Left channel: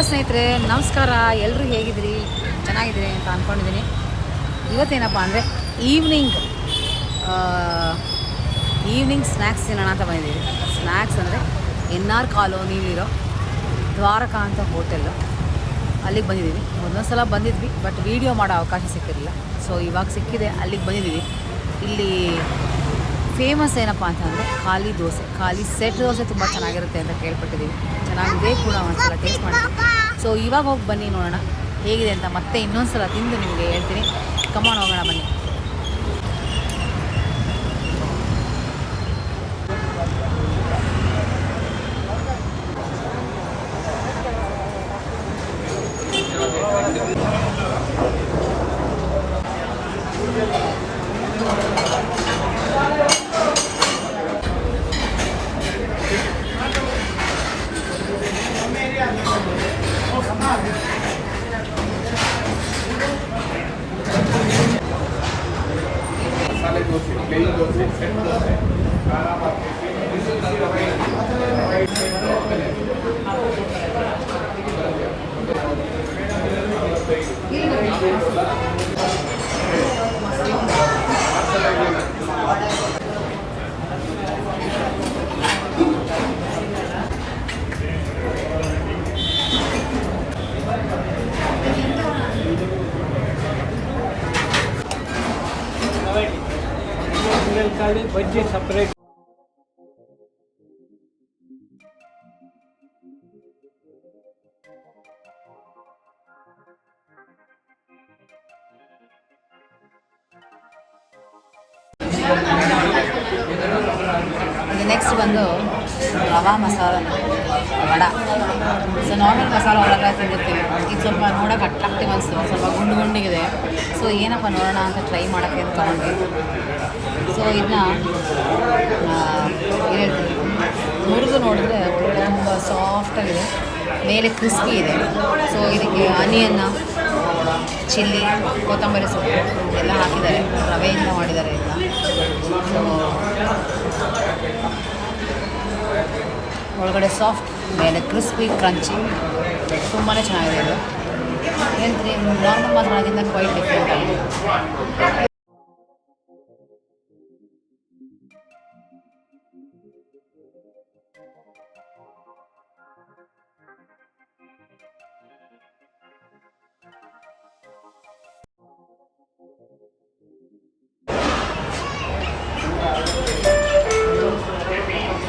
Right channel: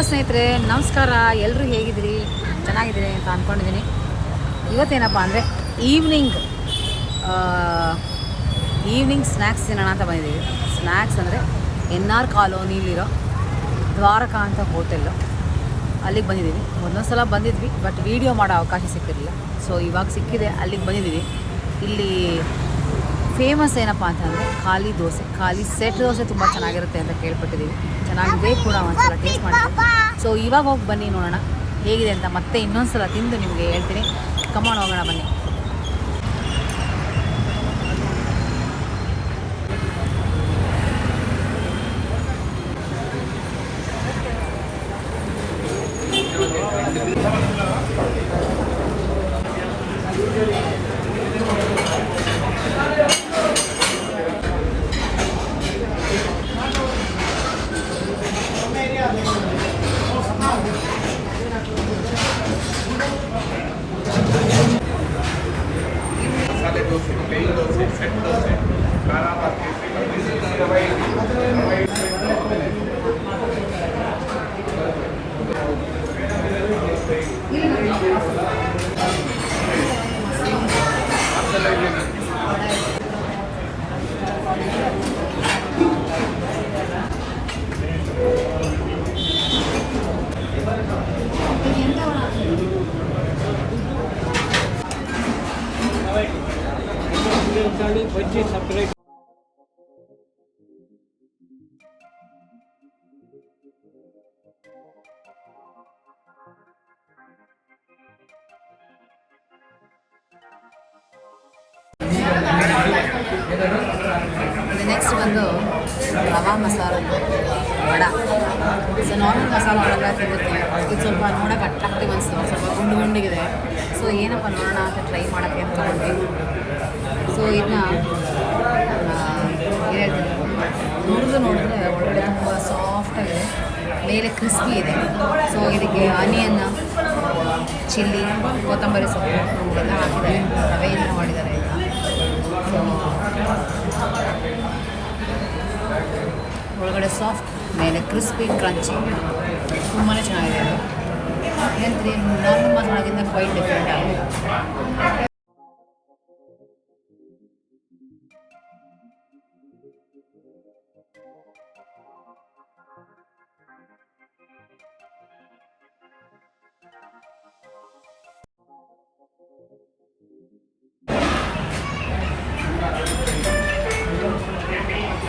Hello ಸ್ನೇಹಿತರೆ, ನಮಸ್ಕಾರ. ಎಲ್ಲರೂ ಹೇಗಿದ್ದೀರಿ? ಚೆನ್ನಾಗಿದ್ದೀರಿ ಅಂತ ಅಂದ್ಕೊಂಡಿದ್ದೀನಿ ಇವತ್ತೇನಪ್ಪ ಅಂದರೆ ಈವ್ನಿಂಗ್ ಈವ್ನಿಂಗ್ ಸ್ನ್ಯಾಕ್ಸ್ ತಿನ್ನೋಣ ಅಂತ ಬಂದಿದ್ದೀವಿ. ಸ್ನ್ಯಾಕ್ಸ್ ಅಂದರೆ ಎನ್ ಆರ್ ಕಾಲೋನಿಲಿರೋ ದ್ವಾರಕಾ ಅಂತ ಹೋಟೆಲ್ಲು ಅಲ್ಲಿಗೆ ಬಂದಿದ್ದೀವಿ. ಒಂದೊಂದು ಸಲ ಬಂದಿದ್ವಿ ಬಟ್ ವೀಡಿಯೋ ಮಾಡೋ ಅವಕಾಶ ಸಿಕ್ಕಿರಲಿಲ್ಲ. ಸೊ ಇವಾಗ ಸಿಕ್ಕಿದೆ, ಅಲ್ಲಿಗೆ ಬಂದಿದ್ದೀವಿ. ಇಲ್ಲಿ ಫೇಮಸ್ ಏನಪ್ಪ ಅಂತಂದರೆ ಖಾಲಿ ದೋಸೆ, ಖಾಲಿ ಸೆಟ್ ದೋಸೆ ತುಂಬ ಚೆನ್ನಾಗಿರುತ್ತೆ ಅಂತ ಕೇಳ್ಪಟ್ಟಿದ್ದೀವಿ ಚೆನ್ನಾಗಿದೆ ಕೂಡ ಒಂದ್ಸಲ ಟೇಸ್ಟ್ ಮಾಡಿದ್ವಿ ಸೊ ಇವಾಗ ಹೋಗಿ ಬನ್ನಿ ನೋಡೋಣ. ಹೇಗಿದೆ ಅಂತ ಮತ್ತೆ ಇನ್ನೊಂದು ಸಲ ತಿಂದು ನಿಮಗೆ ಹೇಳ್ತೀನಿ. ಕಮಾನ್ ಹೋಗೋಣ ಬನ್ನಿ. સેન્ટર છે. ಬಜ್ಜಿ ಸಪ್ರೇಟ್ ಇದು ನೆಕ್ಸ್ಟ್ ಬಂದು ರವಾ ಮಸಾಲ ವಡ ಸೊ ನಾರ್ಮಲ್ ಮಸಾಲ ವಡೆಲ್ಲ ತಿಂದಿರ್ತೀವಿ ಇದು ಸ್ವಲ್ಪ ನೋಡೋಕೆ ಅಟ್ರಾಕ್ಟಿವ್ ಅನಿಸ್ತು ಸ್ವಲ್ಪ ಗುಂಡು ಗುಂಡಿಗಿದೆ ಸೊ ಏನಪ್ಪ ನೋಡೋಣ ಅಂತ ಟ್ರೈ ಮಾಡೋಕ್ಕೆ ಅಂತ ತಗೊಂಡು ಸೊ ಇದನ್ನ ಹೇಳ್ತೀನಿ ಮುರಿದು ನೋಡಿದ್ರೆ ಒಳಗಡೆ ತುಂಬ ಸಾಫ್ಟಾಗಿದೆ ಮೇಲೆ ಕ್ರಿಸ್ಪಿ ಇದೆ ಸೊ ಇದಕ್ಕೆ ಆನಿಯನ್ನ ಚಿಲ್ಲಿ ಕೊತ್ತಂಬರಿ ಸೊಪ್ಪು ಎಲ್ಲ ಹಾಕಿದ್ದಾರೆ ರವೆಯಿಂದ ಮಾಡಿದ್ದಾರೆ ಎಲ್ಲ ಸೊ ಒಳಗಡೆ ಸಾಫ್ಟ್ ಮೇಲೆ ಕ್ರಿಸ್ಪಿ ಕ್ರಂಚಿ ತುಂಬಾ ಚೆನ್ನಾಗಿದೆ ಇದು ಹೇಳ್ತೀನಿ ನಾರ್ಮಲ್ ಮಸಾಲದಿಂದ ಕ್ವೈಟ್ ಡಿಫ್ರೆಂಟ್ ಆಗಿದೆ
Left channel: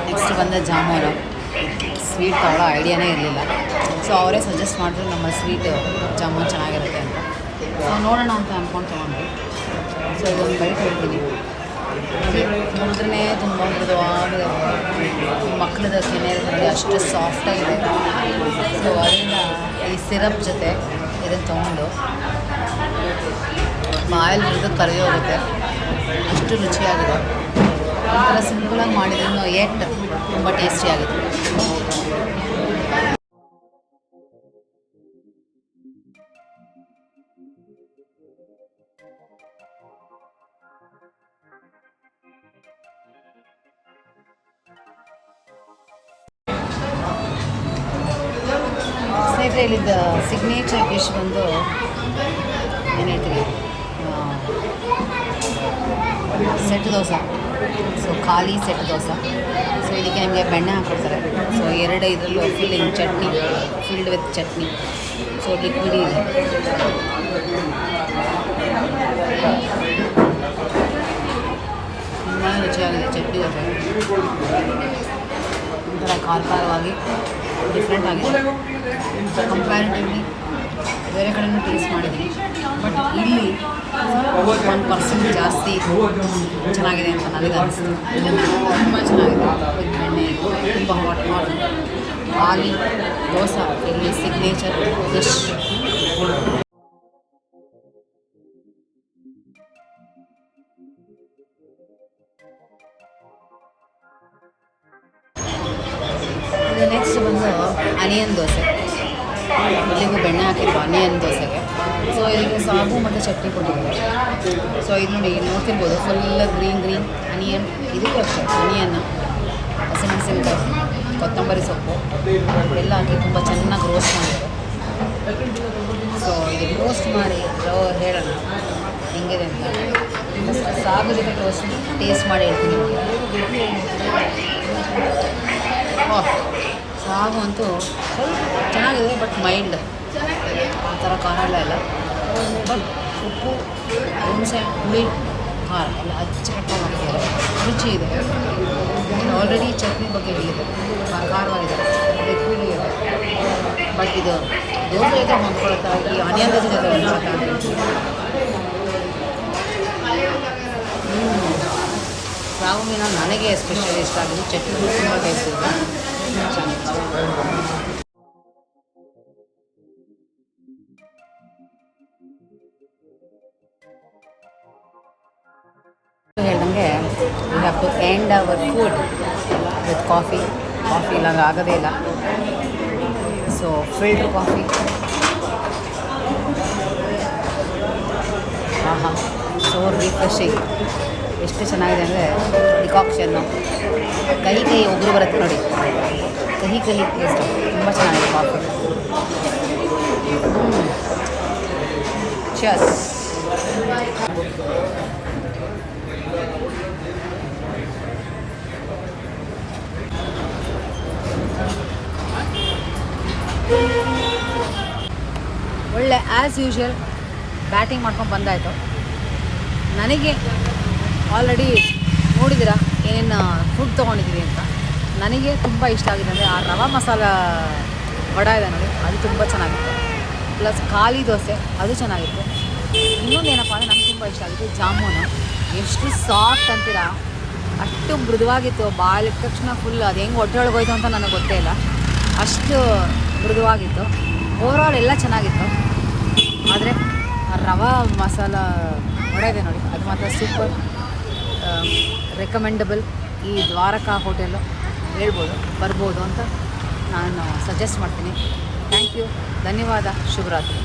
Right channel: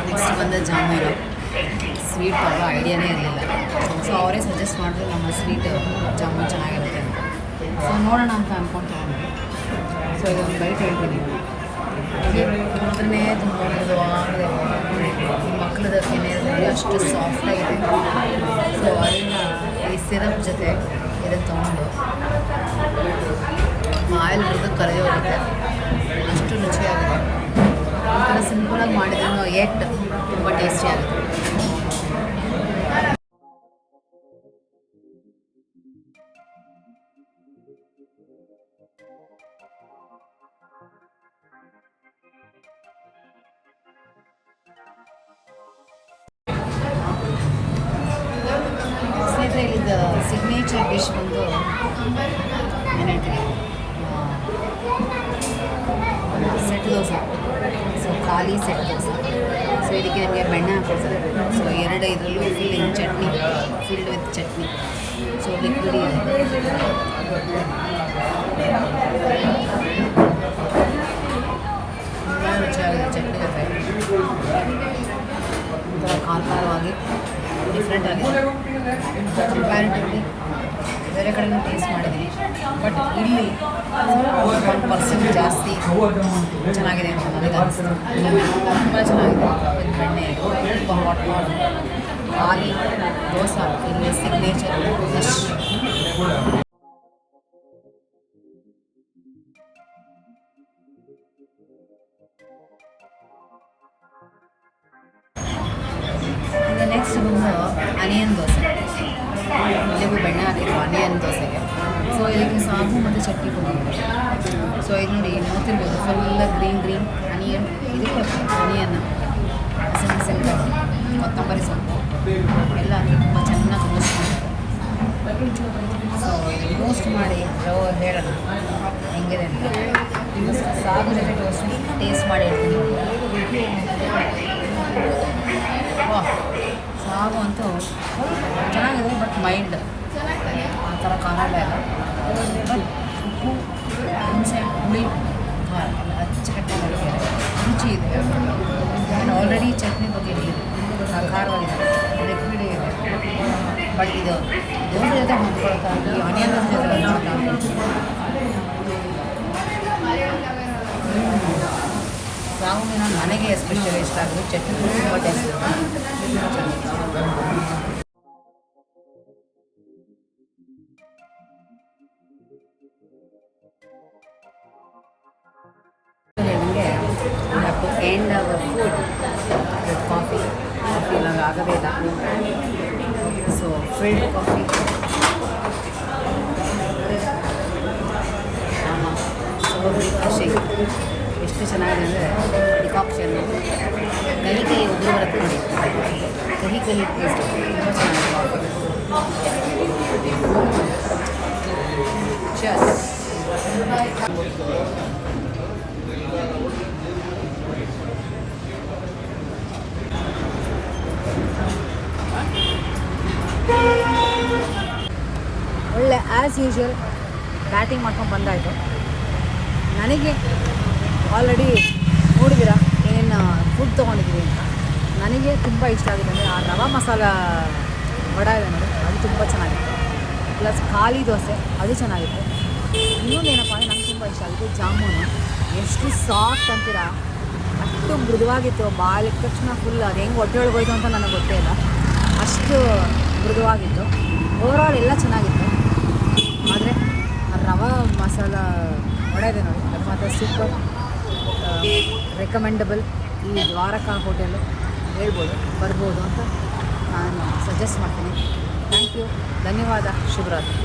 ನೆಕ್ಸ್ಟ್ ಬಂದ ಜಾಮೂನು ಸ್ವೀಟ್ ಮಾಡೋ ಐಡಿಯಾನೇ ಇರಲಿಲ್ಲ. ಸೊ ಅವರೇ ಸಜೆಸ್ಟ್ ಮಾಡಿದ್ರು ನಮ್ಮ ಸ್ವೀಟ್ ಜಾಮೂನ್ ಚೆನ್ನಾಗಿರುತ್ತೆ ಅಂತ. ಸೊ ನೋಡೋಣ ಅಂತ ಅಂದ್ಕೊಂಡು ತೊಗೊಂಡ್ವಿ. ಸೊ ಇದೊಂದು ಬೈಟ್ ಹೇಳ್ತೀನಿ. ನೋಡಿದ್ರೆ ತುಂಬ ಮೃದುವಾಗಿದೆ. ಮಕ್ಕಳದು ಕೆನೆ ನೋಡಿ ಅಷ್ಟು ಸಾಫ್ಟಾಗಿದೆ ಸೊ ಅದರಿಂದ ಈ ಸಿರಪ್ ಜೊತೆ ಇದನ್ನು ತೊಗೊಂಡು ಆಯಿಲ್ ಹಿಡಿದು ಕರೆಯೋಗುತ್ತೆ ಅಷ್ಟು ರುಚಿಯಾಗಿದೆ. ಒಂಥರ ಸಿಂಪಲಾಗಿ ಮಾಡಿದ್ರು ಎಟ್ ತುಂಬ ಟೇಸ್ಟಿಯಾಗಿದೆ ಸ್ನೇಹಿತರೆ ಇಲ್ಲಿದ್ದ ಸಿಗ್ನೇಚರ್ ಡಿಶ್ ಬಂದು ಏನು ಸೆಟ್ ದೋಸೆ. ಸೊ ಖಾಲಿ ಸೆಟ್ ದೋಸೆ. ಸೊ ಇದಕ್ಕೆ ನಿಮಗೆ ಬೆಣ್ಣೆ ಹಾಕೊಡ್ತಾರೆ. ಸೊ ಎರಡು ಇದರಲ್ಲೂ filling chutney filled with chutney. So liquid ತುಂಬ ರುಚಿಯಾಗಿದೆ ಚಟ್ನಿ ಜೊತೆ. ಒಂಥರ ಖಾರ ಖಾರವಾಗಿ. ಡಿಫ್ರೆಂಟ್ ಆಗಿದೆ. ಕಂಪ್ಯಾರಿಟಿವ್ಲಿ ಬೇರೆ ಕಡೆನೂ ಟೇಸ್ಟ್ ಮಾಡಿದ್ವಿ ಬಟ್ ಇಲ್ಲಿ ಒಂದು ಪರ್ಸೆಂಟ್ ಜಾಸ್ತಿ ಚೆನ್ನಾಗಿದೆ ಅಂತ ನನಗೆ ಅನಿಸ್ತು. ತುಂಬ ಚೆನ್ನಾಗಿದೆ. ವಿತ್ ಬೆಣ್ಣೆ, ತುಂಬ ಹಾಟ್ ಮಾಡಿ ಖಾಲಿ ದೋಸೆ, ಇಲ್ಲಿ ಸಿಗ್ನೇಚರ್ ಡಿಶ್ ಇದು ನೆಕ್ಸ್ಟ್ ಬಂದು ಅನಿಯನ್ ದೋಸೆ. ಇಲ್ಲಿಗೂ ಬೆಣ್ಣೆ ಹಾಕಿದ್ರು ಆನಿಯನ್ ದೋಸೆಗೆ. ಸೊ ಇದಕ್ಕೆ ಸಾಗು ಮತ್ತು ಚಟ್ನಿ ಕೊಟ್ಟಿದ್ದಾರೆ. ಸೊ ಇದು ನೋಡಿ ನೋಡ್ತಿರ್ಬೋದು ಫುಲ್ ಗ್ರೀನ್ ಗ್ರೀನ್ ಅನಿಯನ್ ಇದಕ್ಕೆ ಅಷ್ಟೇ ಅನಿಯನ್ನು ಹಸಿಮೆಣಸಿನ್ಕಾಯಿ, ಕೊತ್ತಂಬರಿ ಸೊಪ್ಪು. ಎಲ್ಲ ಹಾಕಿ ತುಂಬ ಚೆನ್ನಾಗಿ ರೋಸ್ಟ್ ಮಾಡಿದ್ದಾರೆ ಟೋಸ್ಟ್ ಮಾಡಿ ಲೋ ಹೇಳೋಣ, ಹೆಂಗಿದೆ ಅಂತ. ಸಾಗು ಜೊತೆ ಟೋಸ್ಟ್ ಟೇಸ್ಟ್ ಮಾಡಿ ಹೇಳ್ತೀನಿ ಸಾಗು ಅಂತೂ ಸ್ವಲ್ಪ ಚೆನ್ನಾಗಿದೆ ಬಟ್ ಮೈಲ್ಡ್ ಆ ಥರ ಕಾಣಲ್ಲ ಇಲ್ಲ. ಬಟ್ ಉಪ್ಪು, ಹುಣಸೆ, ಹುಳಿ, ಖಾರ ಎಲ್ಲ ಅಚ್ಚುಕಟ್ಟಾಗಿ ಮಾಡಿದ್ದಾರೆ ರುಚಿ ಇದೆ. ನಾನು ಆಲ್ರೆಡಿ ಚಟ್ನಿ ಬಗ್ಗೆ ಹೇಳಿದ್ದೆ. ಖಾರ ಖಾರವಾಗಿದೆ ಇದೆ. ಬಟ್ ಇದು ದೋಸೆ ಜೊತೆ ಹೊಂದ್ಕೊಳ್ತಾ ಈ ಆನಿಯನ್ ಜೊತೆ ಹೊಂದ್ಕೊಳ್ತಾ ಅಂತ ಹ್ಮ್. ನನಗೆ ಎಸ್ಪೆಷಲಿ ಇಷ್ಟ ಆಗಿದೆ ಚಟ್ನಿ ತುಂಬ have end our food with coffee coffee ಇಲ್ಲಾಂದ್ರೆ ಆಗೋದೇ ಇಲ್ಲ. ಸೊ ಫಿಲ್ಡ್ ಕಾಫಿ ಆಹಾ ಸೊ ರಿಫ್ರೆಶಿಂಗ್ ಎಷ್ಟು ಚೆನ್ನಾಗಿದೆ ಅಂದರೆ ಡಿಕಾಕ್ಷನ್ನು ಕಹಿ ಕಹಿ ಒಬ್ಬರು ಬರುತ್ತೆ ನೋಡಿ. ಕಹಿ ಕಹಿ ಟೇಸ್ಟ್ ತುಂಬ ಚೆನ್ನಾಗಿದೆ. ಒಳ್ಳೆ ಆ್ಯಸ್ ಯೂಶ್ವಲ್ ಬ್ಯಾಟಿಂಗ್ ಮಾಡ್ಕೊಂಡು ಬಂದಾಯಿತು. ನನಗೆ ಆಲ್ರೆಡಿ ನೋಡಿದ್ದೀರಾ? ಏನು ಫುಡ್ ತೊಗೊಂಡಿದ್ದೀವಿ ಅಂತ. ನನಗೆ ತುಂಬ ಇಷ್ಟ ಆಗಿದೆ ಅಂದರೆ ಆ ರವಾ ಮಸಾಲ ವಡ ಇದೆ ನೋಡಿ, ಅದು ತುಂಬ ಚೆನ್ನಾಗಿತ್ತು. ಪ್ಲಸ್ ಖಾಲಿ ದೋಸೆ, ಅದು ಚೆನ್ನಾಗಿತ್ತು. ಇನ್ನೊಂದು ಏನಪ್ಪ ಅಂದರೆ ನನಗೆ ತುಂಬ ಇಷ್ಟ ಆಗಿದೆ ಜಾಮೂನು. ಎಷ್ಟು ಸಾಫ್ಟ್ ಅಂತೀರಾ? ಅಷ್ಟು ಮೃದುವಾಗಿತ್ತು ಬಾಯಿಗೆ ತಕ್ಷಣ ಫುಲ್ ಅದು ಹೆಂಗೆ ಹೊಟ್ಟೆ ಒಳಗೋಯ್ತು ಅಂತ ನನಗೆ ಗೊತ್ತೇ ಇಲ್ಲ. ಅಷ್ಟು ಮೃದುವಾಗಿತ್ತು. ಓವರಾಲ್ ಎಲ್ಲ ಚೆನ್ನಾಗಿತ್ತು. ಆದರೆ ರವಾ ಮಸಾಲ ಇದೆ ನೋಡಿ, ಅದು ಮಾತ್ರ ಸೂಪರ್ ರೆಕಮೆಂಡಬಲ್ ಈ ದ್ವಾರಕಾ ಹೋಟೆಲು ಹೇಳ್ಬೋದು ಬರ್ಬೋದು ಅಂತ ನಾನು ಸಜೆಸ್ಟ್ ಮಾಡ್ತೀನಿ. ಥ್ಯಾಂಕ್ ಯು ಧನ್ಯವಾದ. ಶುಭರಾತ್ರಿ.